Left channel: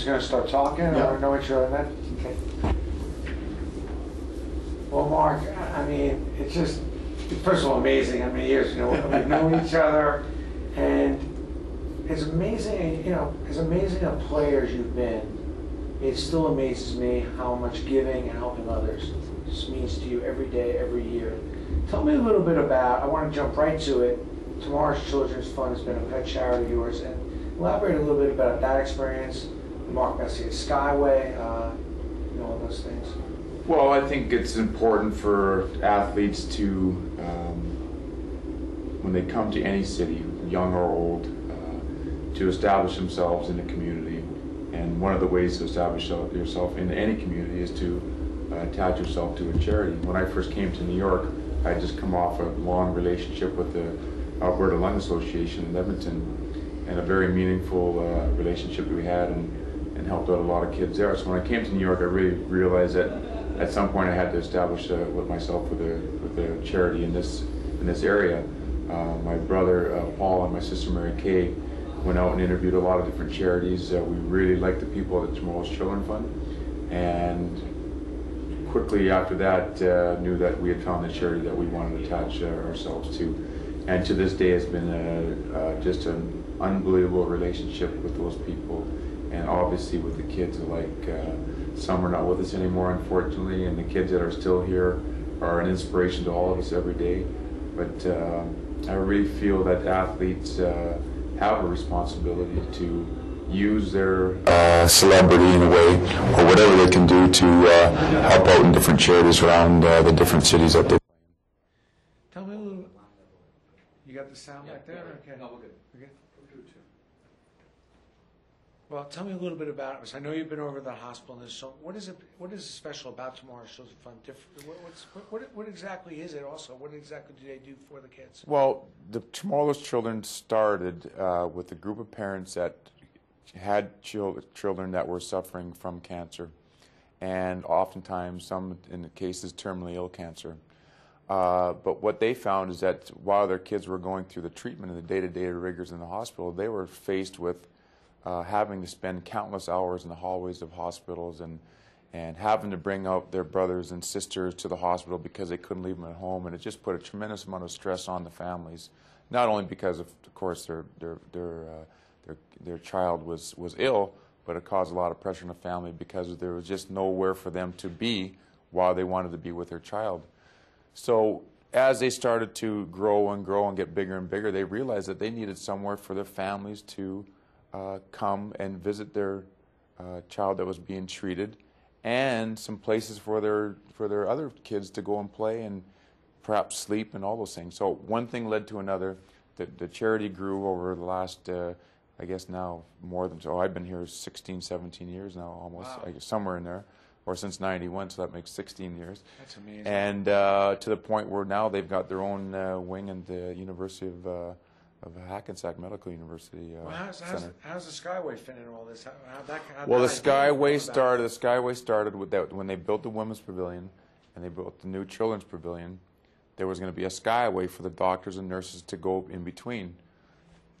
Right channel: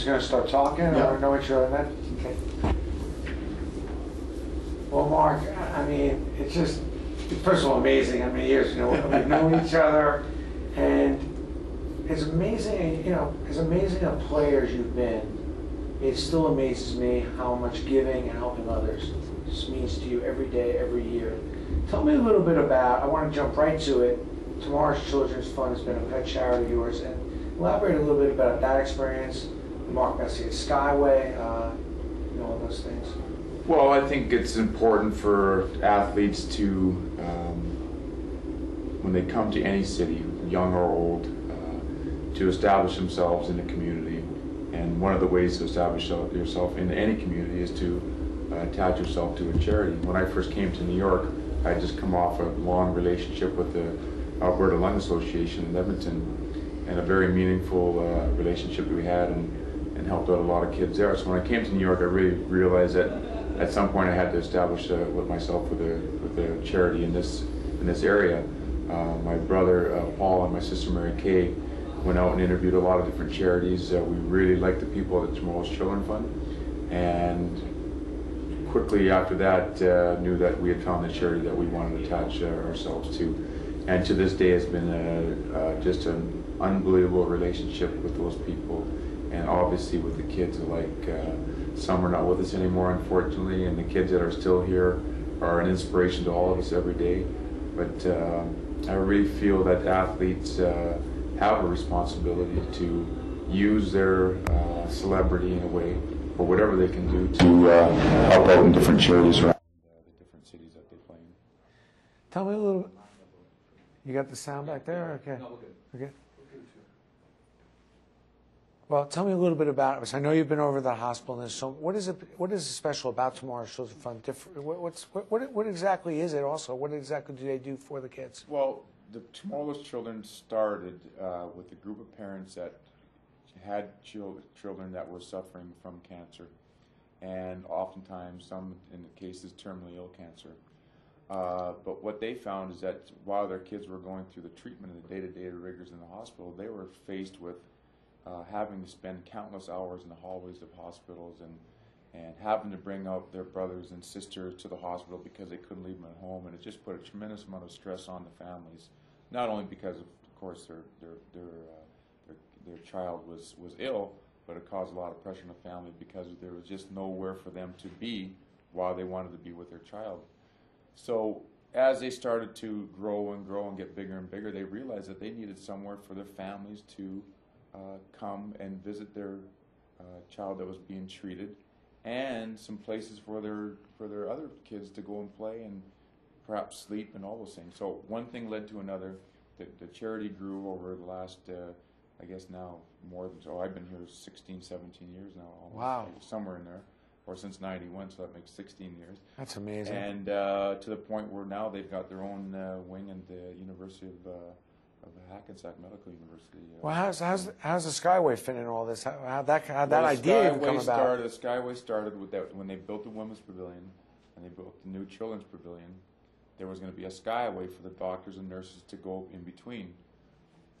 just going to start talking. I want to know each other then. Okay. Well, Mark, I mean, it's just, first of all, amazing. How many years, we've known each other, and it's amazing, as amazing a player as you've been, it still amazes me how much giving and helping others just means to you every day, every year. Tell me a little bit about, I want to jump right to it, Tomorrow's Children's Fund has been a pet charity of yours, and elaborate a little bit about that experience, Mark Messier Skyway, all those things. Well, I think it's important for athletes to, when they come to any city, young or old, to establish themselves in the community. And one of the ways to establish yourself in any community is to attach yourself to a charity. When I first came to New York, I just come off a long relationship with the Alberta Lung Association in Edmonton, and a very meaningful relationship that we had, and helped out a lot of kids there. So when I came to New York, I really realized that at some point I had to establish with myself with a charity in this area. My brother Paul and my sister Mary Kay went out and interviewed a lot of different charities. We really liked the people at the Tomorrow's Children Fund, and quickly after that knew that we had found the charity that we wanted to attach ourselves to. And to this day, it's been just an unbelievable relationship with those people, and obviously with the kids alike. Some are not with us anymore, unfortunately, and the kids that are still here are an inspiration to all of us every day. But I really feel that athletes have a responsibility to use their celebrity in a way, or whatever they can do to help out in different charities around the different cities that they play in. Tell me a little bit. You got the sound back there? Okay. No, we're good. Okay. Well, tell me a little bit about it. I know you've been over to the hospital. And so, what is special about Tomorrow's Children's Fund? What exactly is it? Also, what exactly do they do for the kids? Well, the Tomorrow's Children started with a group of parents that had children that were suffering from cancer, and oftentimes, some in the cases, terminally ill cancer. But what they found is that while their kids were going through the treatment and the day-to-day rigors in the hospital, they were faced with having to spend countless hours in the hallways of hospitals, and having to bring out their brothers and sisters to the hospital because they couldn't leave them at home, and it just put a tremendous amount of stress on the families. Not only because of course their child was ill, but it caused a lot of pressure on the family because there was just nowhere for them to be while they wanted to be with their child. So as they started to grow and get bigger and bigger, they realized that they needed somewhere for their families to come and visit their child that was being treated, and some places for their other kids to go and play and perhaps sleep and all those things. So one thing led to another. The charity grew over the last, I guess now more than, so I've been here 16, 17 years now, almost. Wow. Somewhere in there, or since '91, so that makes 16 years. That's amazing. And to the point where now they've got their own wing in the University of Hackensack Medical University. Well, how's the Skyway fit in all this? How'd that Well, idea the come Skyway started with that when they built the Women's Pavilion and they built the new Children's Pavilion. There was going to be a Skyway for the doctors and nurses to go in between.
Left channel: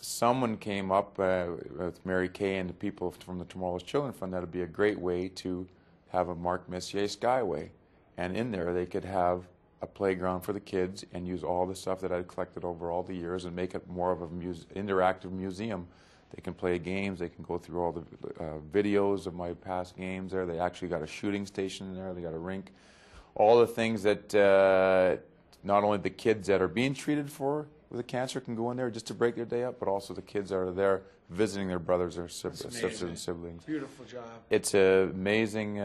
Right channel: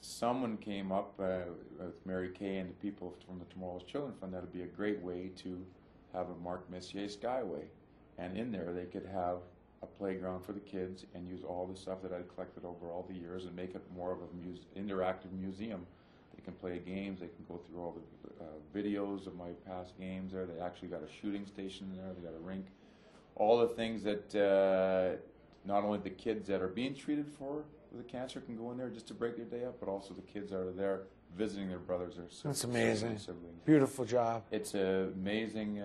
Someone came up with Mary Kay and the people from the Tomorrow's Children Fund that would be a great way to have a Mark Messier Skyway, and in there they could have a playground for the kids and use all the stuff that I'd collected over all the years and make it more of an interactive museum. They can play games, they can go through all the videos of my past games there. They actually got a shooting station in there, they got a rink. All the things that not only the kids that are being treated for with the cancer can go in there just to break their day up, but also the kids that are there visiting their brothers or sisters and siblings. Beautiful job. It's an amazing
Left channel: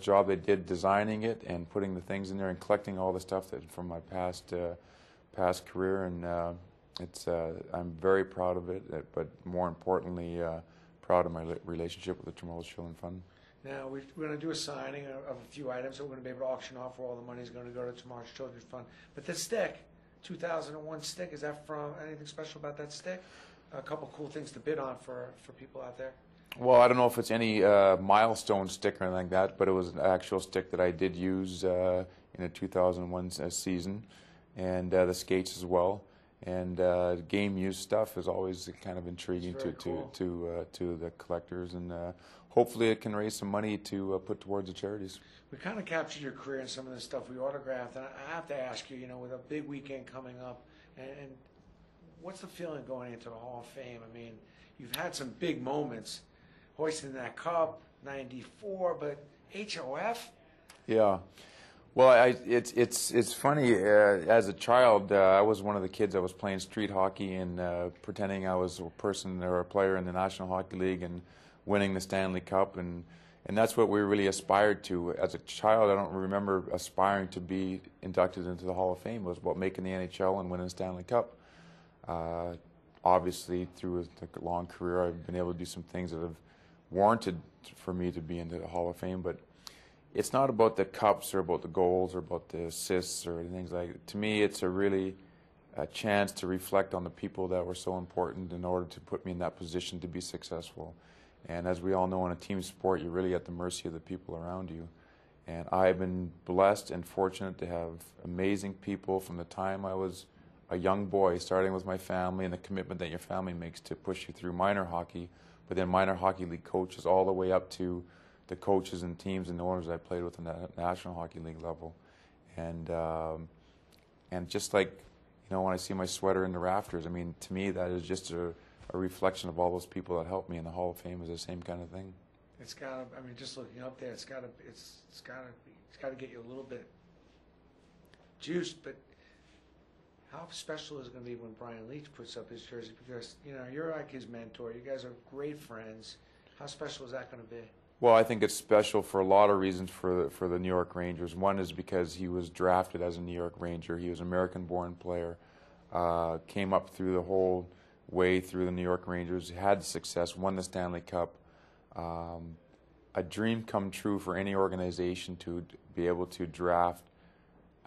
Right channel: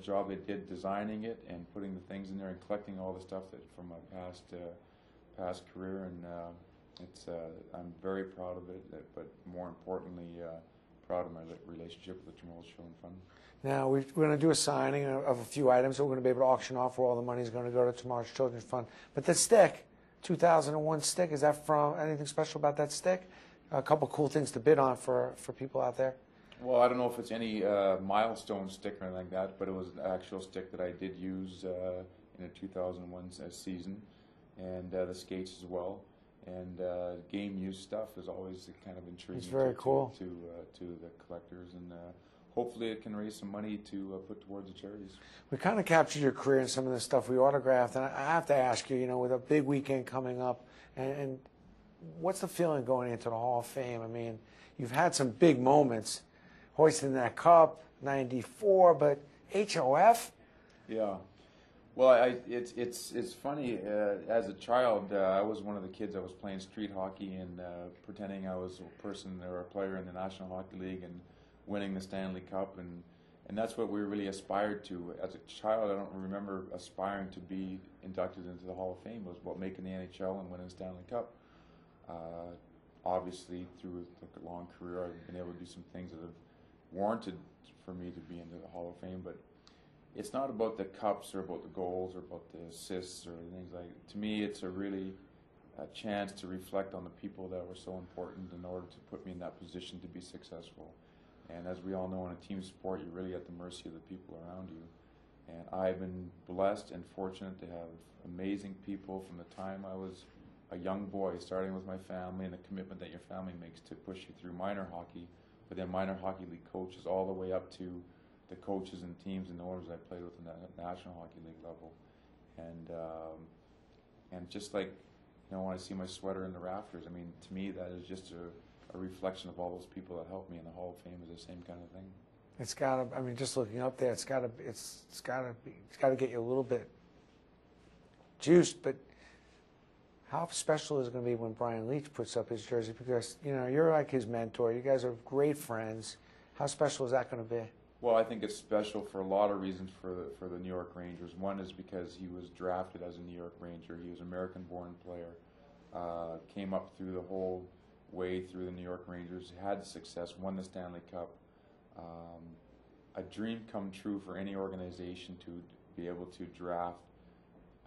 job they did designing it and putting the things in there and collecting all the stuff that from my past career, and I'm very proud of it, but more importantly proud of my relationship with the Tomorrow's Children Fund. Now, we're going to do a signing of a few items that we're going to be able to auction off where all the money is going to go to Tomorrow's Children's Fund. But the stick, 2001 stick, is that from anything special about that stick? A couple cool things to bid on for people out there. Well, I don't know if it's any milestone stick or anything like that, but it was an actual stick that I did use in the 2001 season, and the skates as well. And game use stuff is always kind of intriguing to the collectors, and hopefully it can raise some money to put towards the charities. We kind of captured your career in some of the stuff we autographed, and I have to ask you, with a big weekend coming up, and what's the feeling going into the Hall of Fame? I mean, you've had some big moments, hoisting that cup, '94, but HOF? Yeah. Well, it's funny. As a child, I was one of the kids that was playing street hockey and pretending I was a person or a player in the National Hockey League and winning the Stanley Cup, and that's what we really aspired to. As a child, I don't remember aspiring to be inducted into the Hall of Fame. It was about making the NHL and winning the Stanley Cup. Obviously, through a long career, I've been able to do some things that have warranted for me to be into the Hall of Fame, but it's not about the cups or about the goals or about the assists or things like that. To me, it's a chance to reflect on the people that were so important in order to put me in that position to be successful. And as we all know, in a team sport, you're really at the mercy of the people around you. And I've been blessed and fortunate to have amazing people from the time I was a young boy, starting with my family and the commitment that your family makes to push you through minor hockey, but then minor hockey league coaches all the way up to the coaches and teams and owners I played with in the National Hockey League level. And just like, when I see my sweater in the rafters, I mean, to me that is just a reflection of all those people that helped me, and the Hall of Fame is the same kind of thing. It's got to, I mean, just looking up there, it's got to get you a little bit juiced, but how special is it going to be when Brian Leetch puts up his jersey? Because, you're like his mentor. You guys are great friends. How special is that going to be? Well, I think it's special for a lot of reasons for the New York Rangers. One is because he was drafted as a New York Ranger. He was an American-born player, came up through the whole way through the New York Rangers, had success, won the Stanley Cup. A dream come true for any organization to be able to draft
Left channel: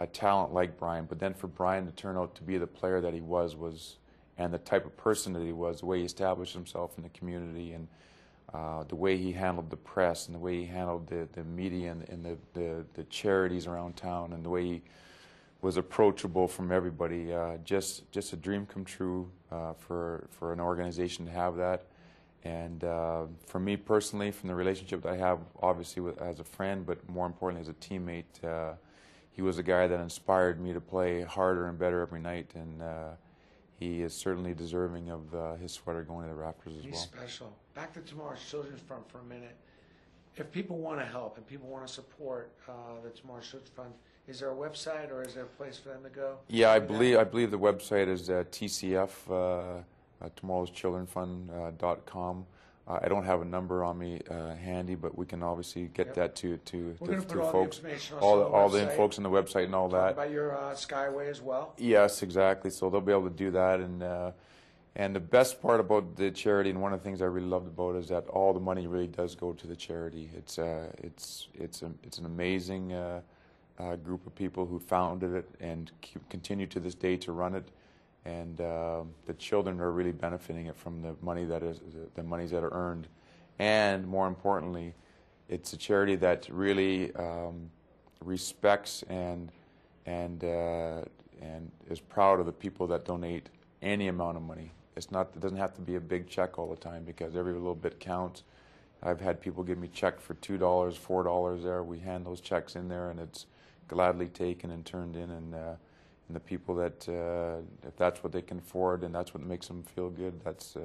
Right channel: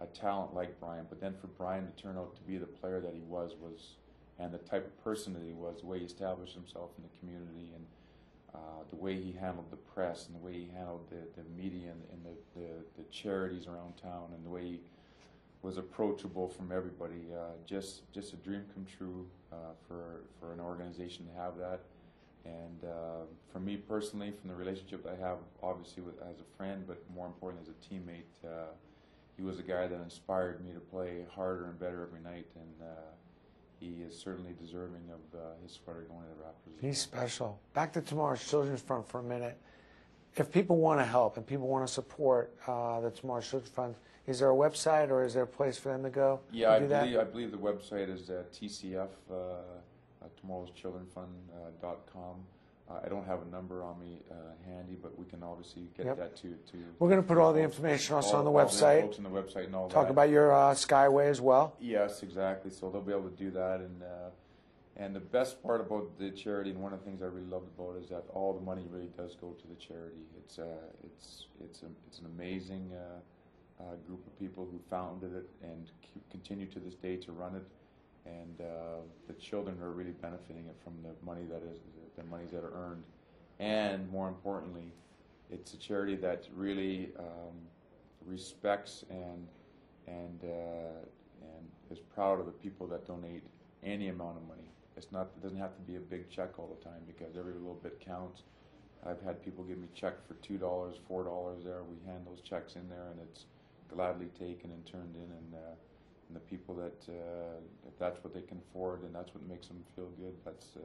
a talent like Brian, but then for Brian to turn out to be the player that he was and the type of person that he was, the way he established himself in the community, and the way he handled the press, and the way he handled the media and the charities around town, and the way he was approachable from everybody. Just a dream come true for an organization to have that. And for me personally, from the relationship that I have, obviously as a friend, but more importantly as a teammate, he was a guy that inspired me to play harder and better every night, and he is certainly deserving of his sweater going to the rafters as well. He's special. Back to Tomorrow's Children's Fund for a minute. If people want to help and people want to support the Tomorrow's Children's Fund, is there a website or is there a place for them to go? Yeah, I believe the website is TCF, tomorrowschildrenfund.com. I don't have a number on me handy, but we can obviously get that to We're going to put all the information also on the website. All the folks on the website and all that. Talk about your Skyway as well. Yes, exactly. So they'll be able to do that, and the best part about the charity, and one of the things I really loved about it, is that all the money really does go to the charity. It's an amazing group of people who founded it and continue to this day to run it. And the children are really benefiting it from the money the monies that are earned, and more importantly, it's a charity that really respects and is proud of the people that donate any amount of money. It doesn't have to be a big check all the time, because every little bit counts. I've had people give me check for $2, $4 there. We hand those checks in there, and it's gladly taken and turned in, and the people that, if that's what they can afford and that's what makes them feel good, that's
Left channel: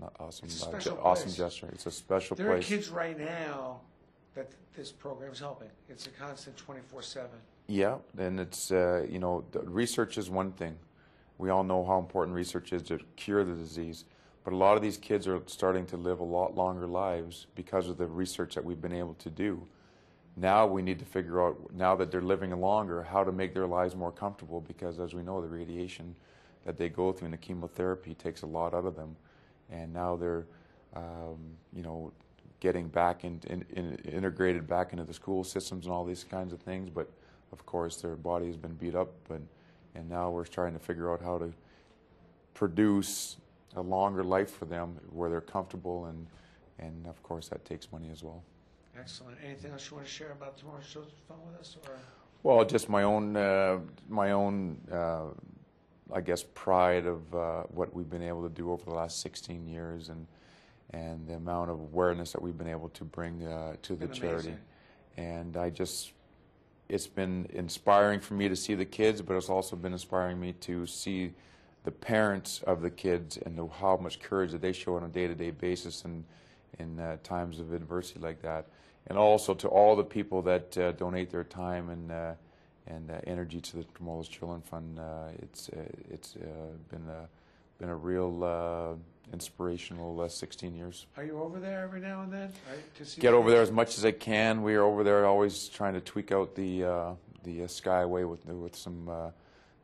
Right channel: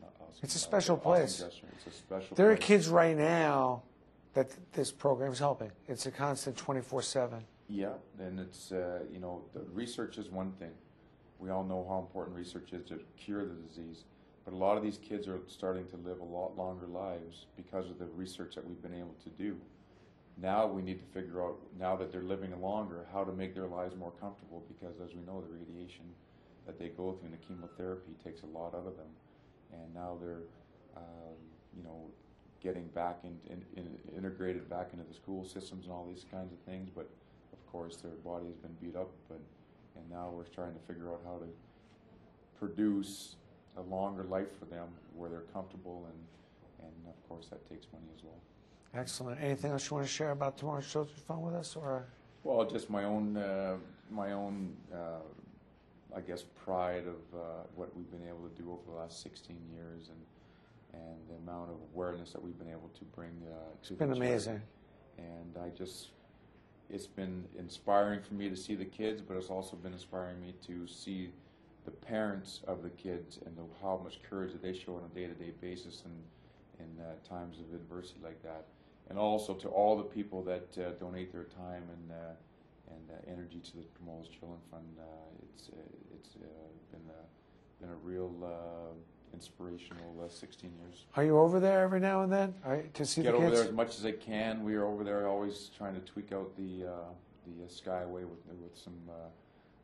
not awesome. It's a special place. Awesome gesture. It's a special place. There are place. kids right now that this program's helping. It's a constant 24/7. Yeah, and it's, the research is one thing. We all know how important research is to cure the disease. But a lot of these kids are starting to live a lot longer lives because of the research that we've been able to do. Now we need to figure out, now that they're living longer, how to make their lives more comfortable, because as we know, the radiation that they go through and the chemotherapy takes a lot out of them. And now they're, getting back integrated back into the school systems and all these kinds of things. But of course, their body has been beat up, and now we're trying to figure out how to produce a longer life for them where they're comfortable, and of course that takes money as well. Excellent. Anything else you want to share about Tomorrow's Children's Fund with us, or? Well, just my own I guess, pride of what we've been able to do over the last 16 years, and the amount of awareness that we've been able to bring to the charity. Amazing. And it's been inspiring for me to see the kids, but it's also been inspiring me to see the parents of the kids and how much courage that they show on a day-to-day basis and in times of adversity like that. And also to all the people that donate their time and energy to the Tremolo's Children Fund. It's been a real inspirational 16 years. Are you over there every now and then to see Get the over kids? there as much as I can. We are over there always trying to tweak out the Skyway with some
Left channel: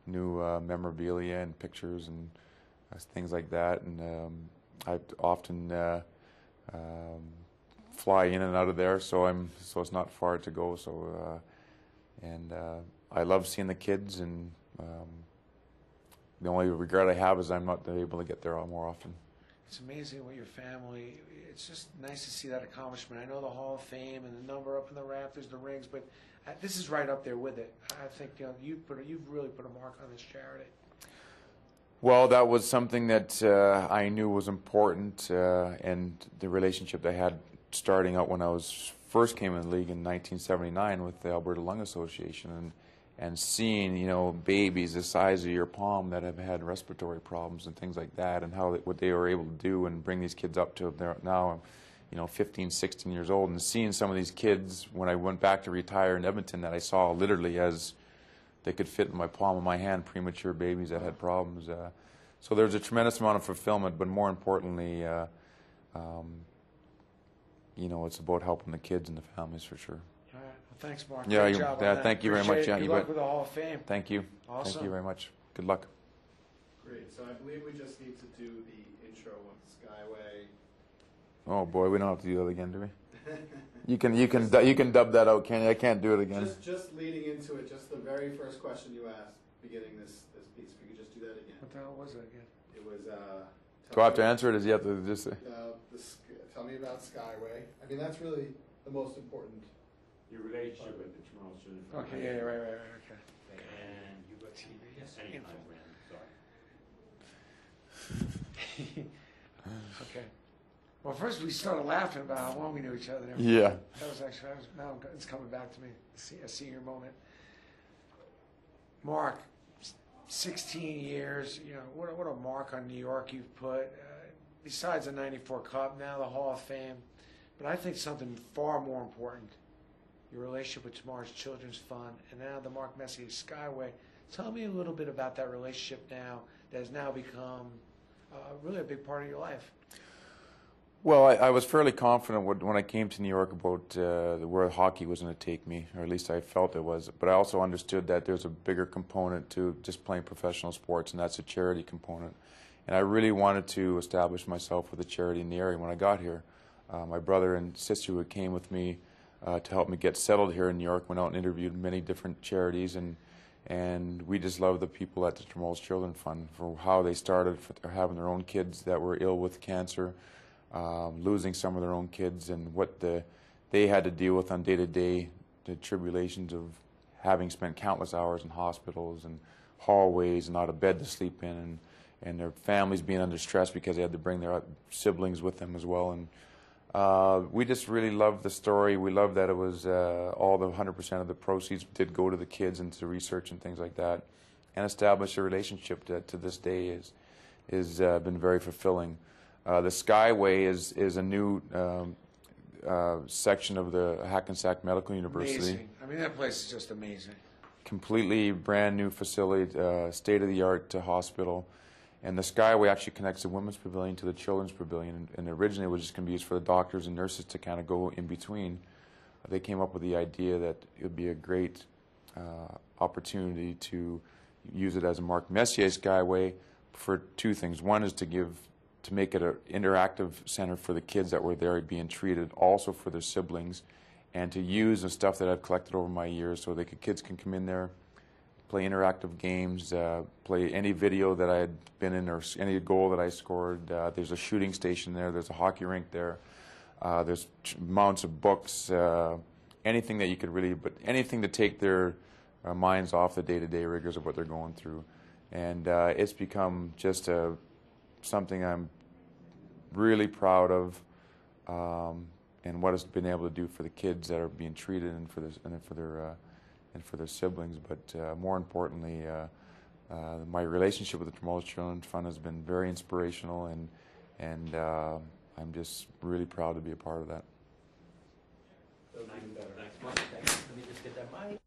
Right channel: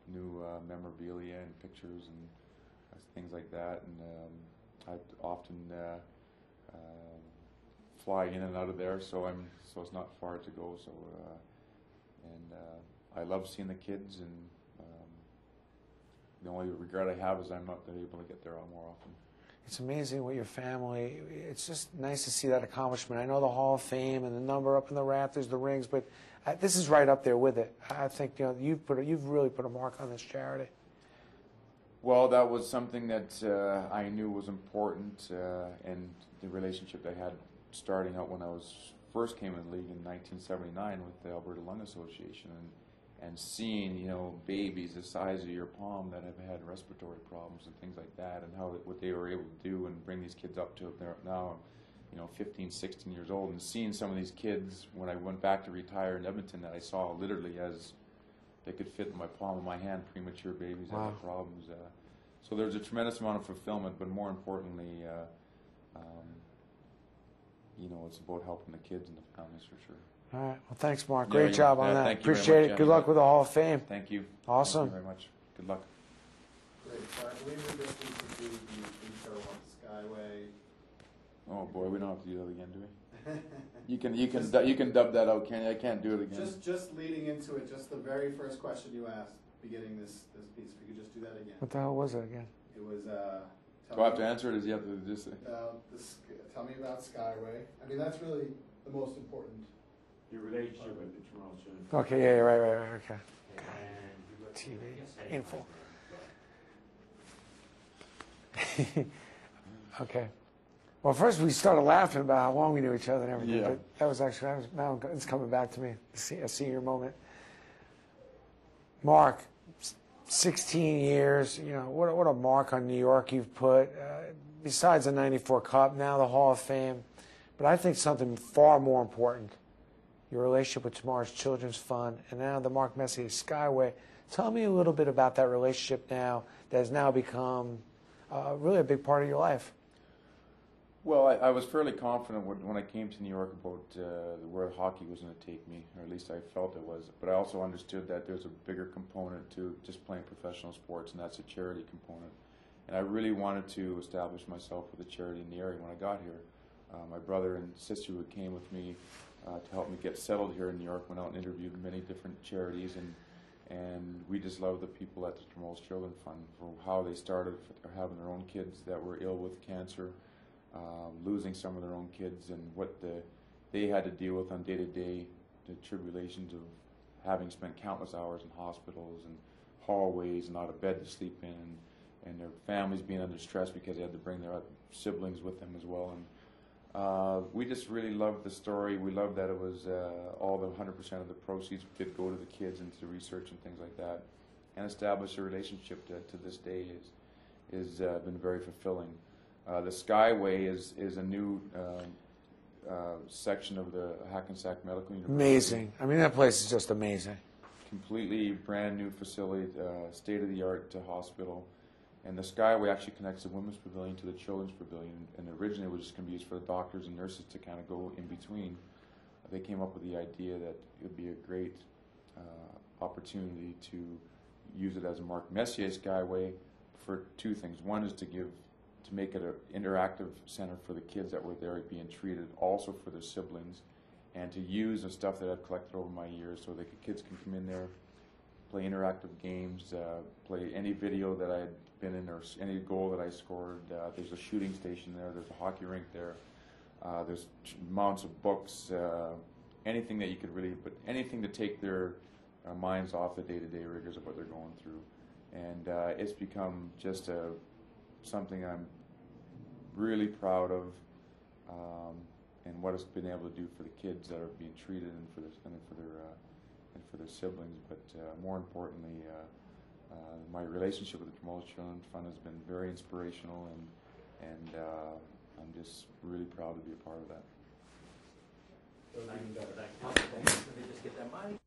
new memorabilia and pictures and things like that. And I often fly in and out of there, so it's not far to go. So I love seeing the kids, and the only regret I have is I'm not able to get there more often. It's amazing what your family, it's just nice to see that accomplishment. I know the Hall of Fame and the number up in the rafters, the rings, but this is right up there with it. I think you've really put a mark on this charity. Well, that was something that I knew was important, and the relationship I had starting out when I first came in the league in 1979 with the Alberta Lung Association, and seeing, babies the size of your palm that have had respiratory problems and things like that, and what they were able to do and bring these kids up to they're now 15, 16 years old, and seeing some of these kids when I went back to retire in Edmonton that I saw literally as they could fit in my palm of my hand, premature babies that had problems. So there's a tremendous amount of fulfillment, but more importantly, it's about helping the kids and the families for sure. All right. Well, thanks, Mark. Yeah, Great job on that. Thank you Appreciate very much. it. Good luck with the Hall of Fame. Thank you. Awesome. Thank you very much. Good luck. Great. So I believe we just need to do the intro of Skyway. Oh boy, we don't have to do that again, do we? You can dub that out, can you? I can't do it again. Just leading into it, just the very first question you asked, beginning this piece. If you could just do that again. What the hell was it again? It was. Do I have to answer it? Or do you have to just say? Tell me about Skyway. I mean, that's really the most important. Your relationship with the Tremolo's Children. Okay, yeah, right, okay. And TV, info. Okay. Well, first we started laughing about how long we knew each other and everything. Yeah. Now it's coming back to me, a senior moment. Mark, 16 years, what a mark on New York you've put. Besides the 94 Cup, now the Hall of Fame. But I think something far more important, your relationship with Tomorrow's Children's Fund, and now the Mark Messier Skyway. Tell me a little bit about that relationship now that has now become really a big part of your life. Well, I was fairly confident when I came to New York about where hockey was going to take me, or at least I felt it was. But I also understood that there's a bigger component to just playing professional sports, and that's a charity component. And I really wanted to establish myself with a charity in the area when I got here. My brother and sister who came with me to help me get settled here in New York went out and interviewed many different charities, and we just love the people at the Tremolo's Children Fund for how they started having their own kids that were ill with cancer, losing some of their own kids, and what they had to deal with on day-to-day, the tribulations of having spent countless hours in hospitals and hallways and not a bed to sleep in, and their families being under stress because they had to bring their siblings with them as well. And we just really loved the story. We loved that it was all the 100% of the proceeds did go to the kids and to research and things like that, and establish a relationship that to this day is been very fulfilling. The Skyway is a new section of the Hackensack Medical University. Amazing. I mean, that place is just amazing. Completely brand new facility, state-of-the-art hospital. And the Skyway actually connects the women's pavilion to the children's pavilion. And originally it was just going to be used for the doctors and nurses to kind of go in between. They came up with the idea that it would be a great opportunity to use it as a Mark Messier Skyway for two things. One is to make it an interactive center for the kids that were there being treated, also for their siblings, and to use the stuff that I've collected over my years so kids can come in there, play interactive games, play any video that I had been in or any goal that I scored. There's a shooting station there. There's a hockey rink there. There's mounts of books, anything that you could anything to take their minds off the day-to-day rigors of what they're going through. and it's become just something I'm really proud of, and what it's been able to do for the kids that are being treated and for their siblings. But more importantly, my relationship with the Tremolles Children's Fund has been very inspirational, and I'm just really proud to be a part of that. Thank you. Let me just get that mic.